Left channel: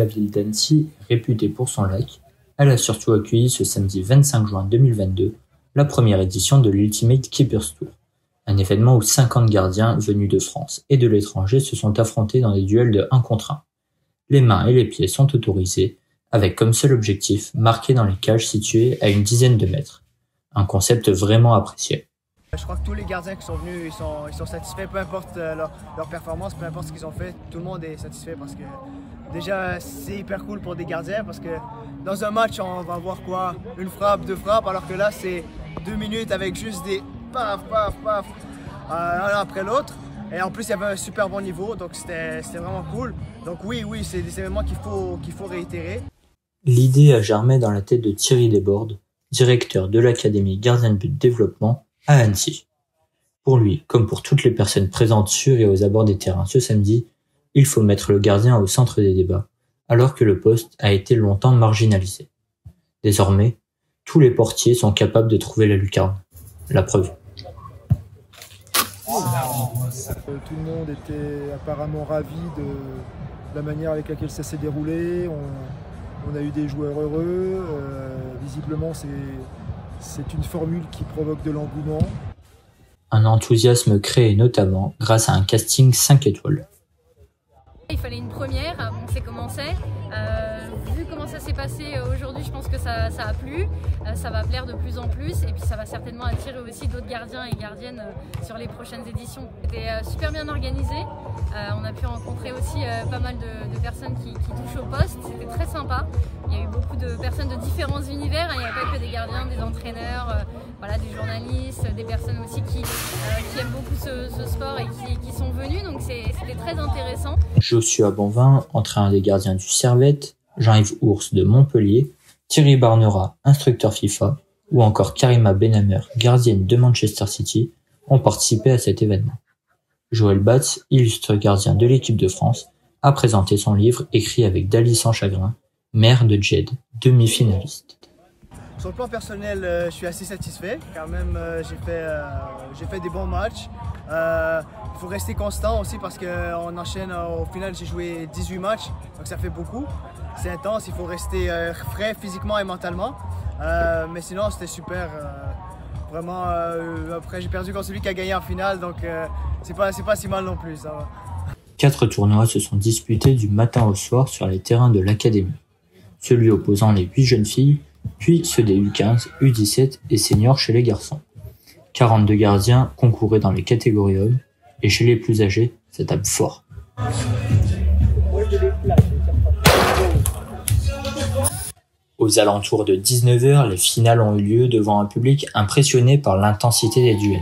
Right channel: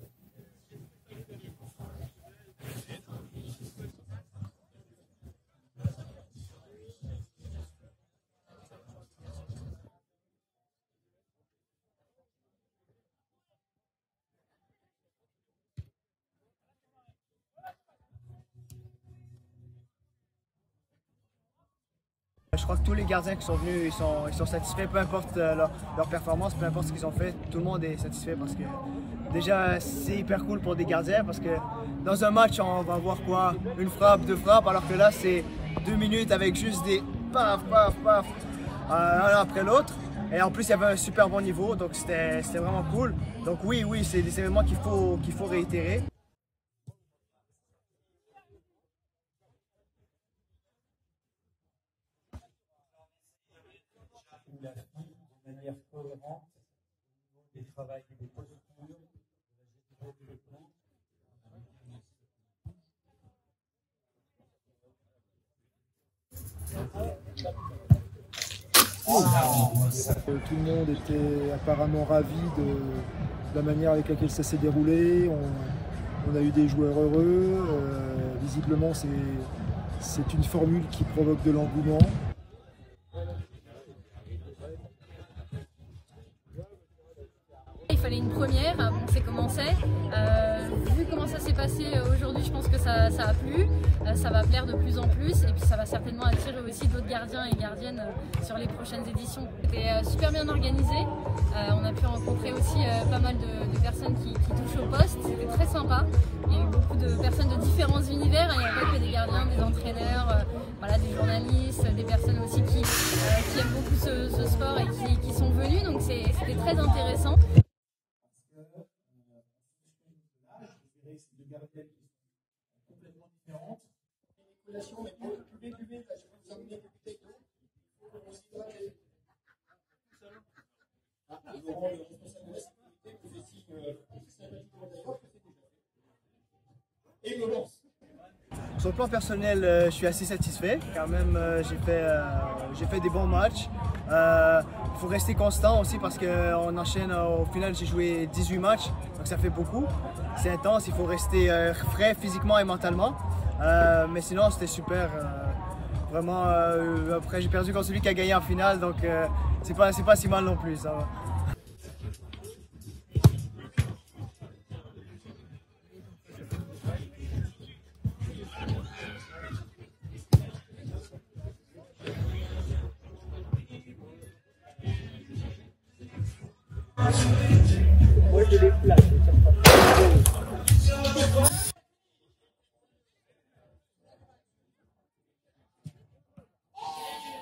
la ville d'Annecy, réputée pour son lac, elle a surtout accueilli ce samedi 25 juin 2022 la première édition de l'Ultimate Keepers Tour, un événement où 50 gardiens venus de France et de l'étranger se sont affrontés dans des duels de 1 contre 1. Les mains et les pieds sont autorisés, avec comme seul objectif marqué dans les cages situées à une dizaine de mètres. Un concept vraiment apprécié. Je crois que tous les gardiens qui sont venus, ils sont satisfaits, peu importe leur performance, peu importe ce qu'ils ont fait, tout le monde est satisfait parce que déjà c'est hyper cool pour des gardiens parce que dans un match on va voir quoi, une frappe, 2 frappes, alors que là c'est 2 minutes avec juste des paf paf paf un après l'autre. Et en plus il y avait un super bon niveau, donc c'était vraiment cool. Donc oui, c'est des événements qu'il faut réitérer. L'idée a germé dans la tête de Thierry Desbordes, directeur de l'Académie Gardien de But Développement à Annecy. Pour lui, comme pour toutes les personnes présentes sur et aux abords des terrains ce samedi, il faut mettre le gardien au centre des débats, alors que le poste a été longtemps marginalisé. Désormais, tous les portiers sont capables de trouver la lucarne. La preuve. Tout le monde était apparemment ravi de la manière avec laquelle ça s'est déroulé. On a eu des joueurs heureux. Visiblement, c'est une formule qui provoque de l'engouement. Un enthousiasme créé notamment grâce à un casting 5 étoiles. Il fallait une première, on sait comment c'est. Vu comment ça s'est passé aujourd'hui, je pense que ça a plu, ça va plaire de plus en plus et puis ça va certainement attirer aussi d'autres gardiens et gardiennes sur les prochaines éditions. C'était super bien organisé, on a pu rencontrer aussi pas mal de personnes qui touchent au poste, c'était très sympa. Il y a eu beaucoup de personnes de différents univers, il n'y a pas que des gardiens, des entraîneurs, voilà, des journalistes, des personnes aussi qui aiment beaucoup ce sport et qui sont venus, donc c'était très intéressant. Joshua Bonvin, entraîneur des gardiens du Servette, Jean-Yves Ours de Montpellier, Thierry Barnera, instructeur FIFA, ou encore Karima Benhamer, gardienne de Manchester City, ont participé à cet événement. Joël Batz, illustre gardien de l'équipe de France, a présenté son livre écrit avec Dali sans chagrin, mère de Jed, demi-finaliste. Sur le plan personnel, je suis assez satisfait. Quand même, j'ai fait des bons matchs. Il faut rester constant aussi parce qu'on enchaîne. Au final, j'ai joué 18 matchs, donc ça fait beaucoup. C'est intense, il faut rester frais physiquement et mentalement. Mais sinon, c'était super. Vraiment, après, j'ai perdu contre celui qui a gagné en finale, donc c'est pas si mal non plus. Ça va. 4 tournois se sont disputés du matin au soir sur les terrains de l'Académie. Celui opposant les 8 jeunes filles, puis ceux des U15, U17 et seniors chez les garçons. 42 gardiens concouraient dans les catégories hommes, et chez les plus âgés, ça tape fort. Aux alentours de 19h, les finales ont eu lieu devant un public impressionné par l'intensité des duels.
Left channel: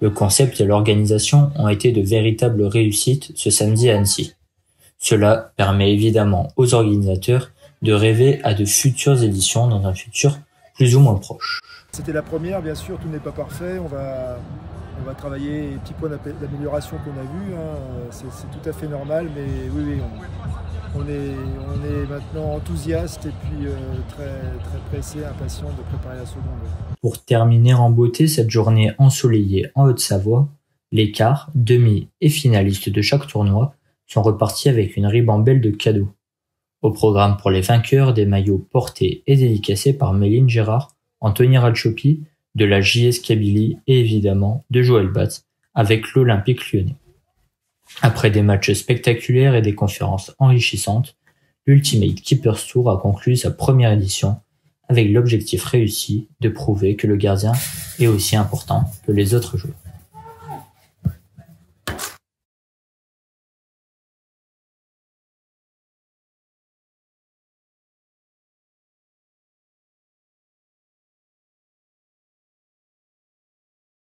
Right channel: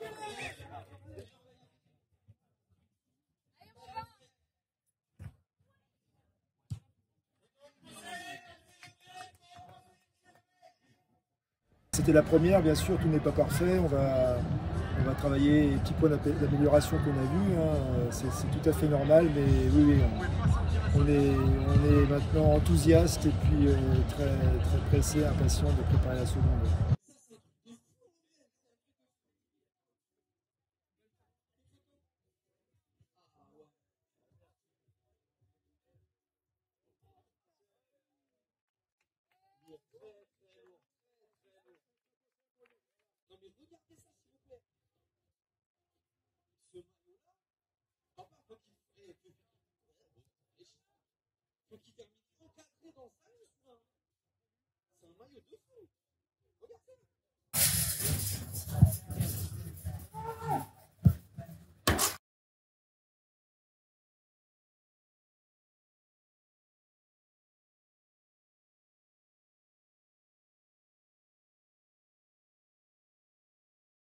Le concept et l'organisation ont été de véritables réussites ce samedi à Annecy. Cela permet évidemment aux organisateurs de rêver à de futures éditions dans un futur plus ou moins proche. C'était la première, bien sûr, tout n'est pas parfait. On va travailler les petits points d'amélioration qu'on a vus. Hein. C'est tout à fait normal, mais oui, on est maintenant enthousiaste et puis très pressé, impatient de préparer la seconde. Pour terminer en beauté cette journée ensoleillée en Haute-Savoie, les quarts, demi et finalistes de chaque tournoi sont repartis avec une ribambelle de cadeaux. Au programme pour les vainqueurs, des maillots portés et dédicacés par Méline Gérard, Anthony Ratchopi, de la JS Kabylie et évidemment de Joël Batz avec l'Olympique Lyonnais. Après des matchs spectaculaires et des conférences enrichissantes, l'Ultimate Keepers Tour a conclu sa première édition avec l'objectif réussi de prouver que le gardien est aussi important que les autres joueurs.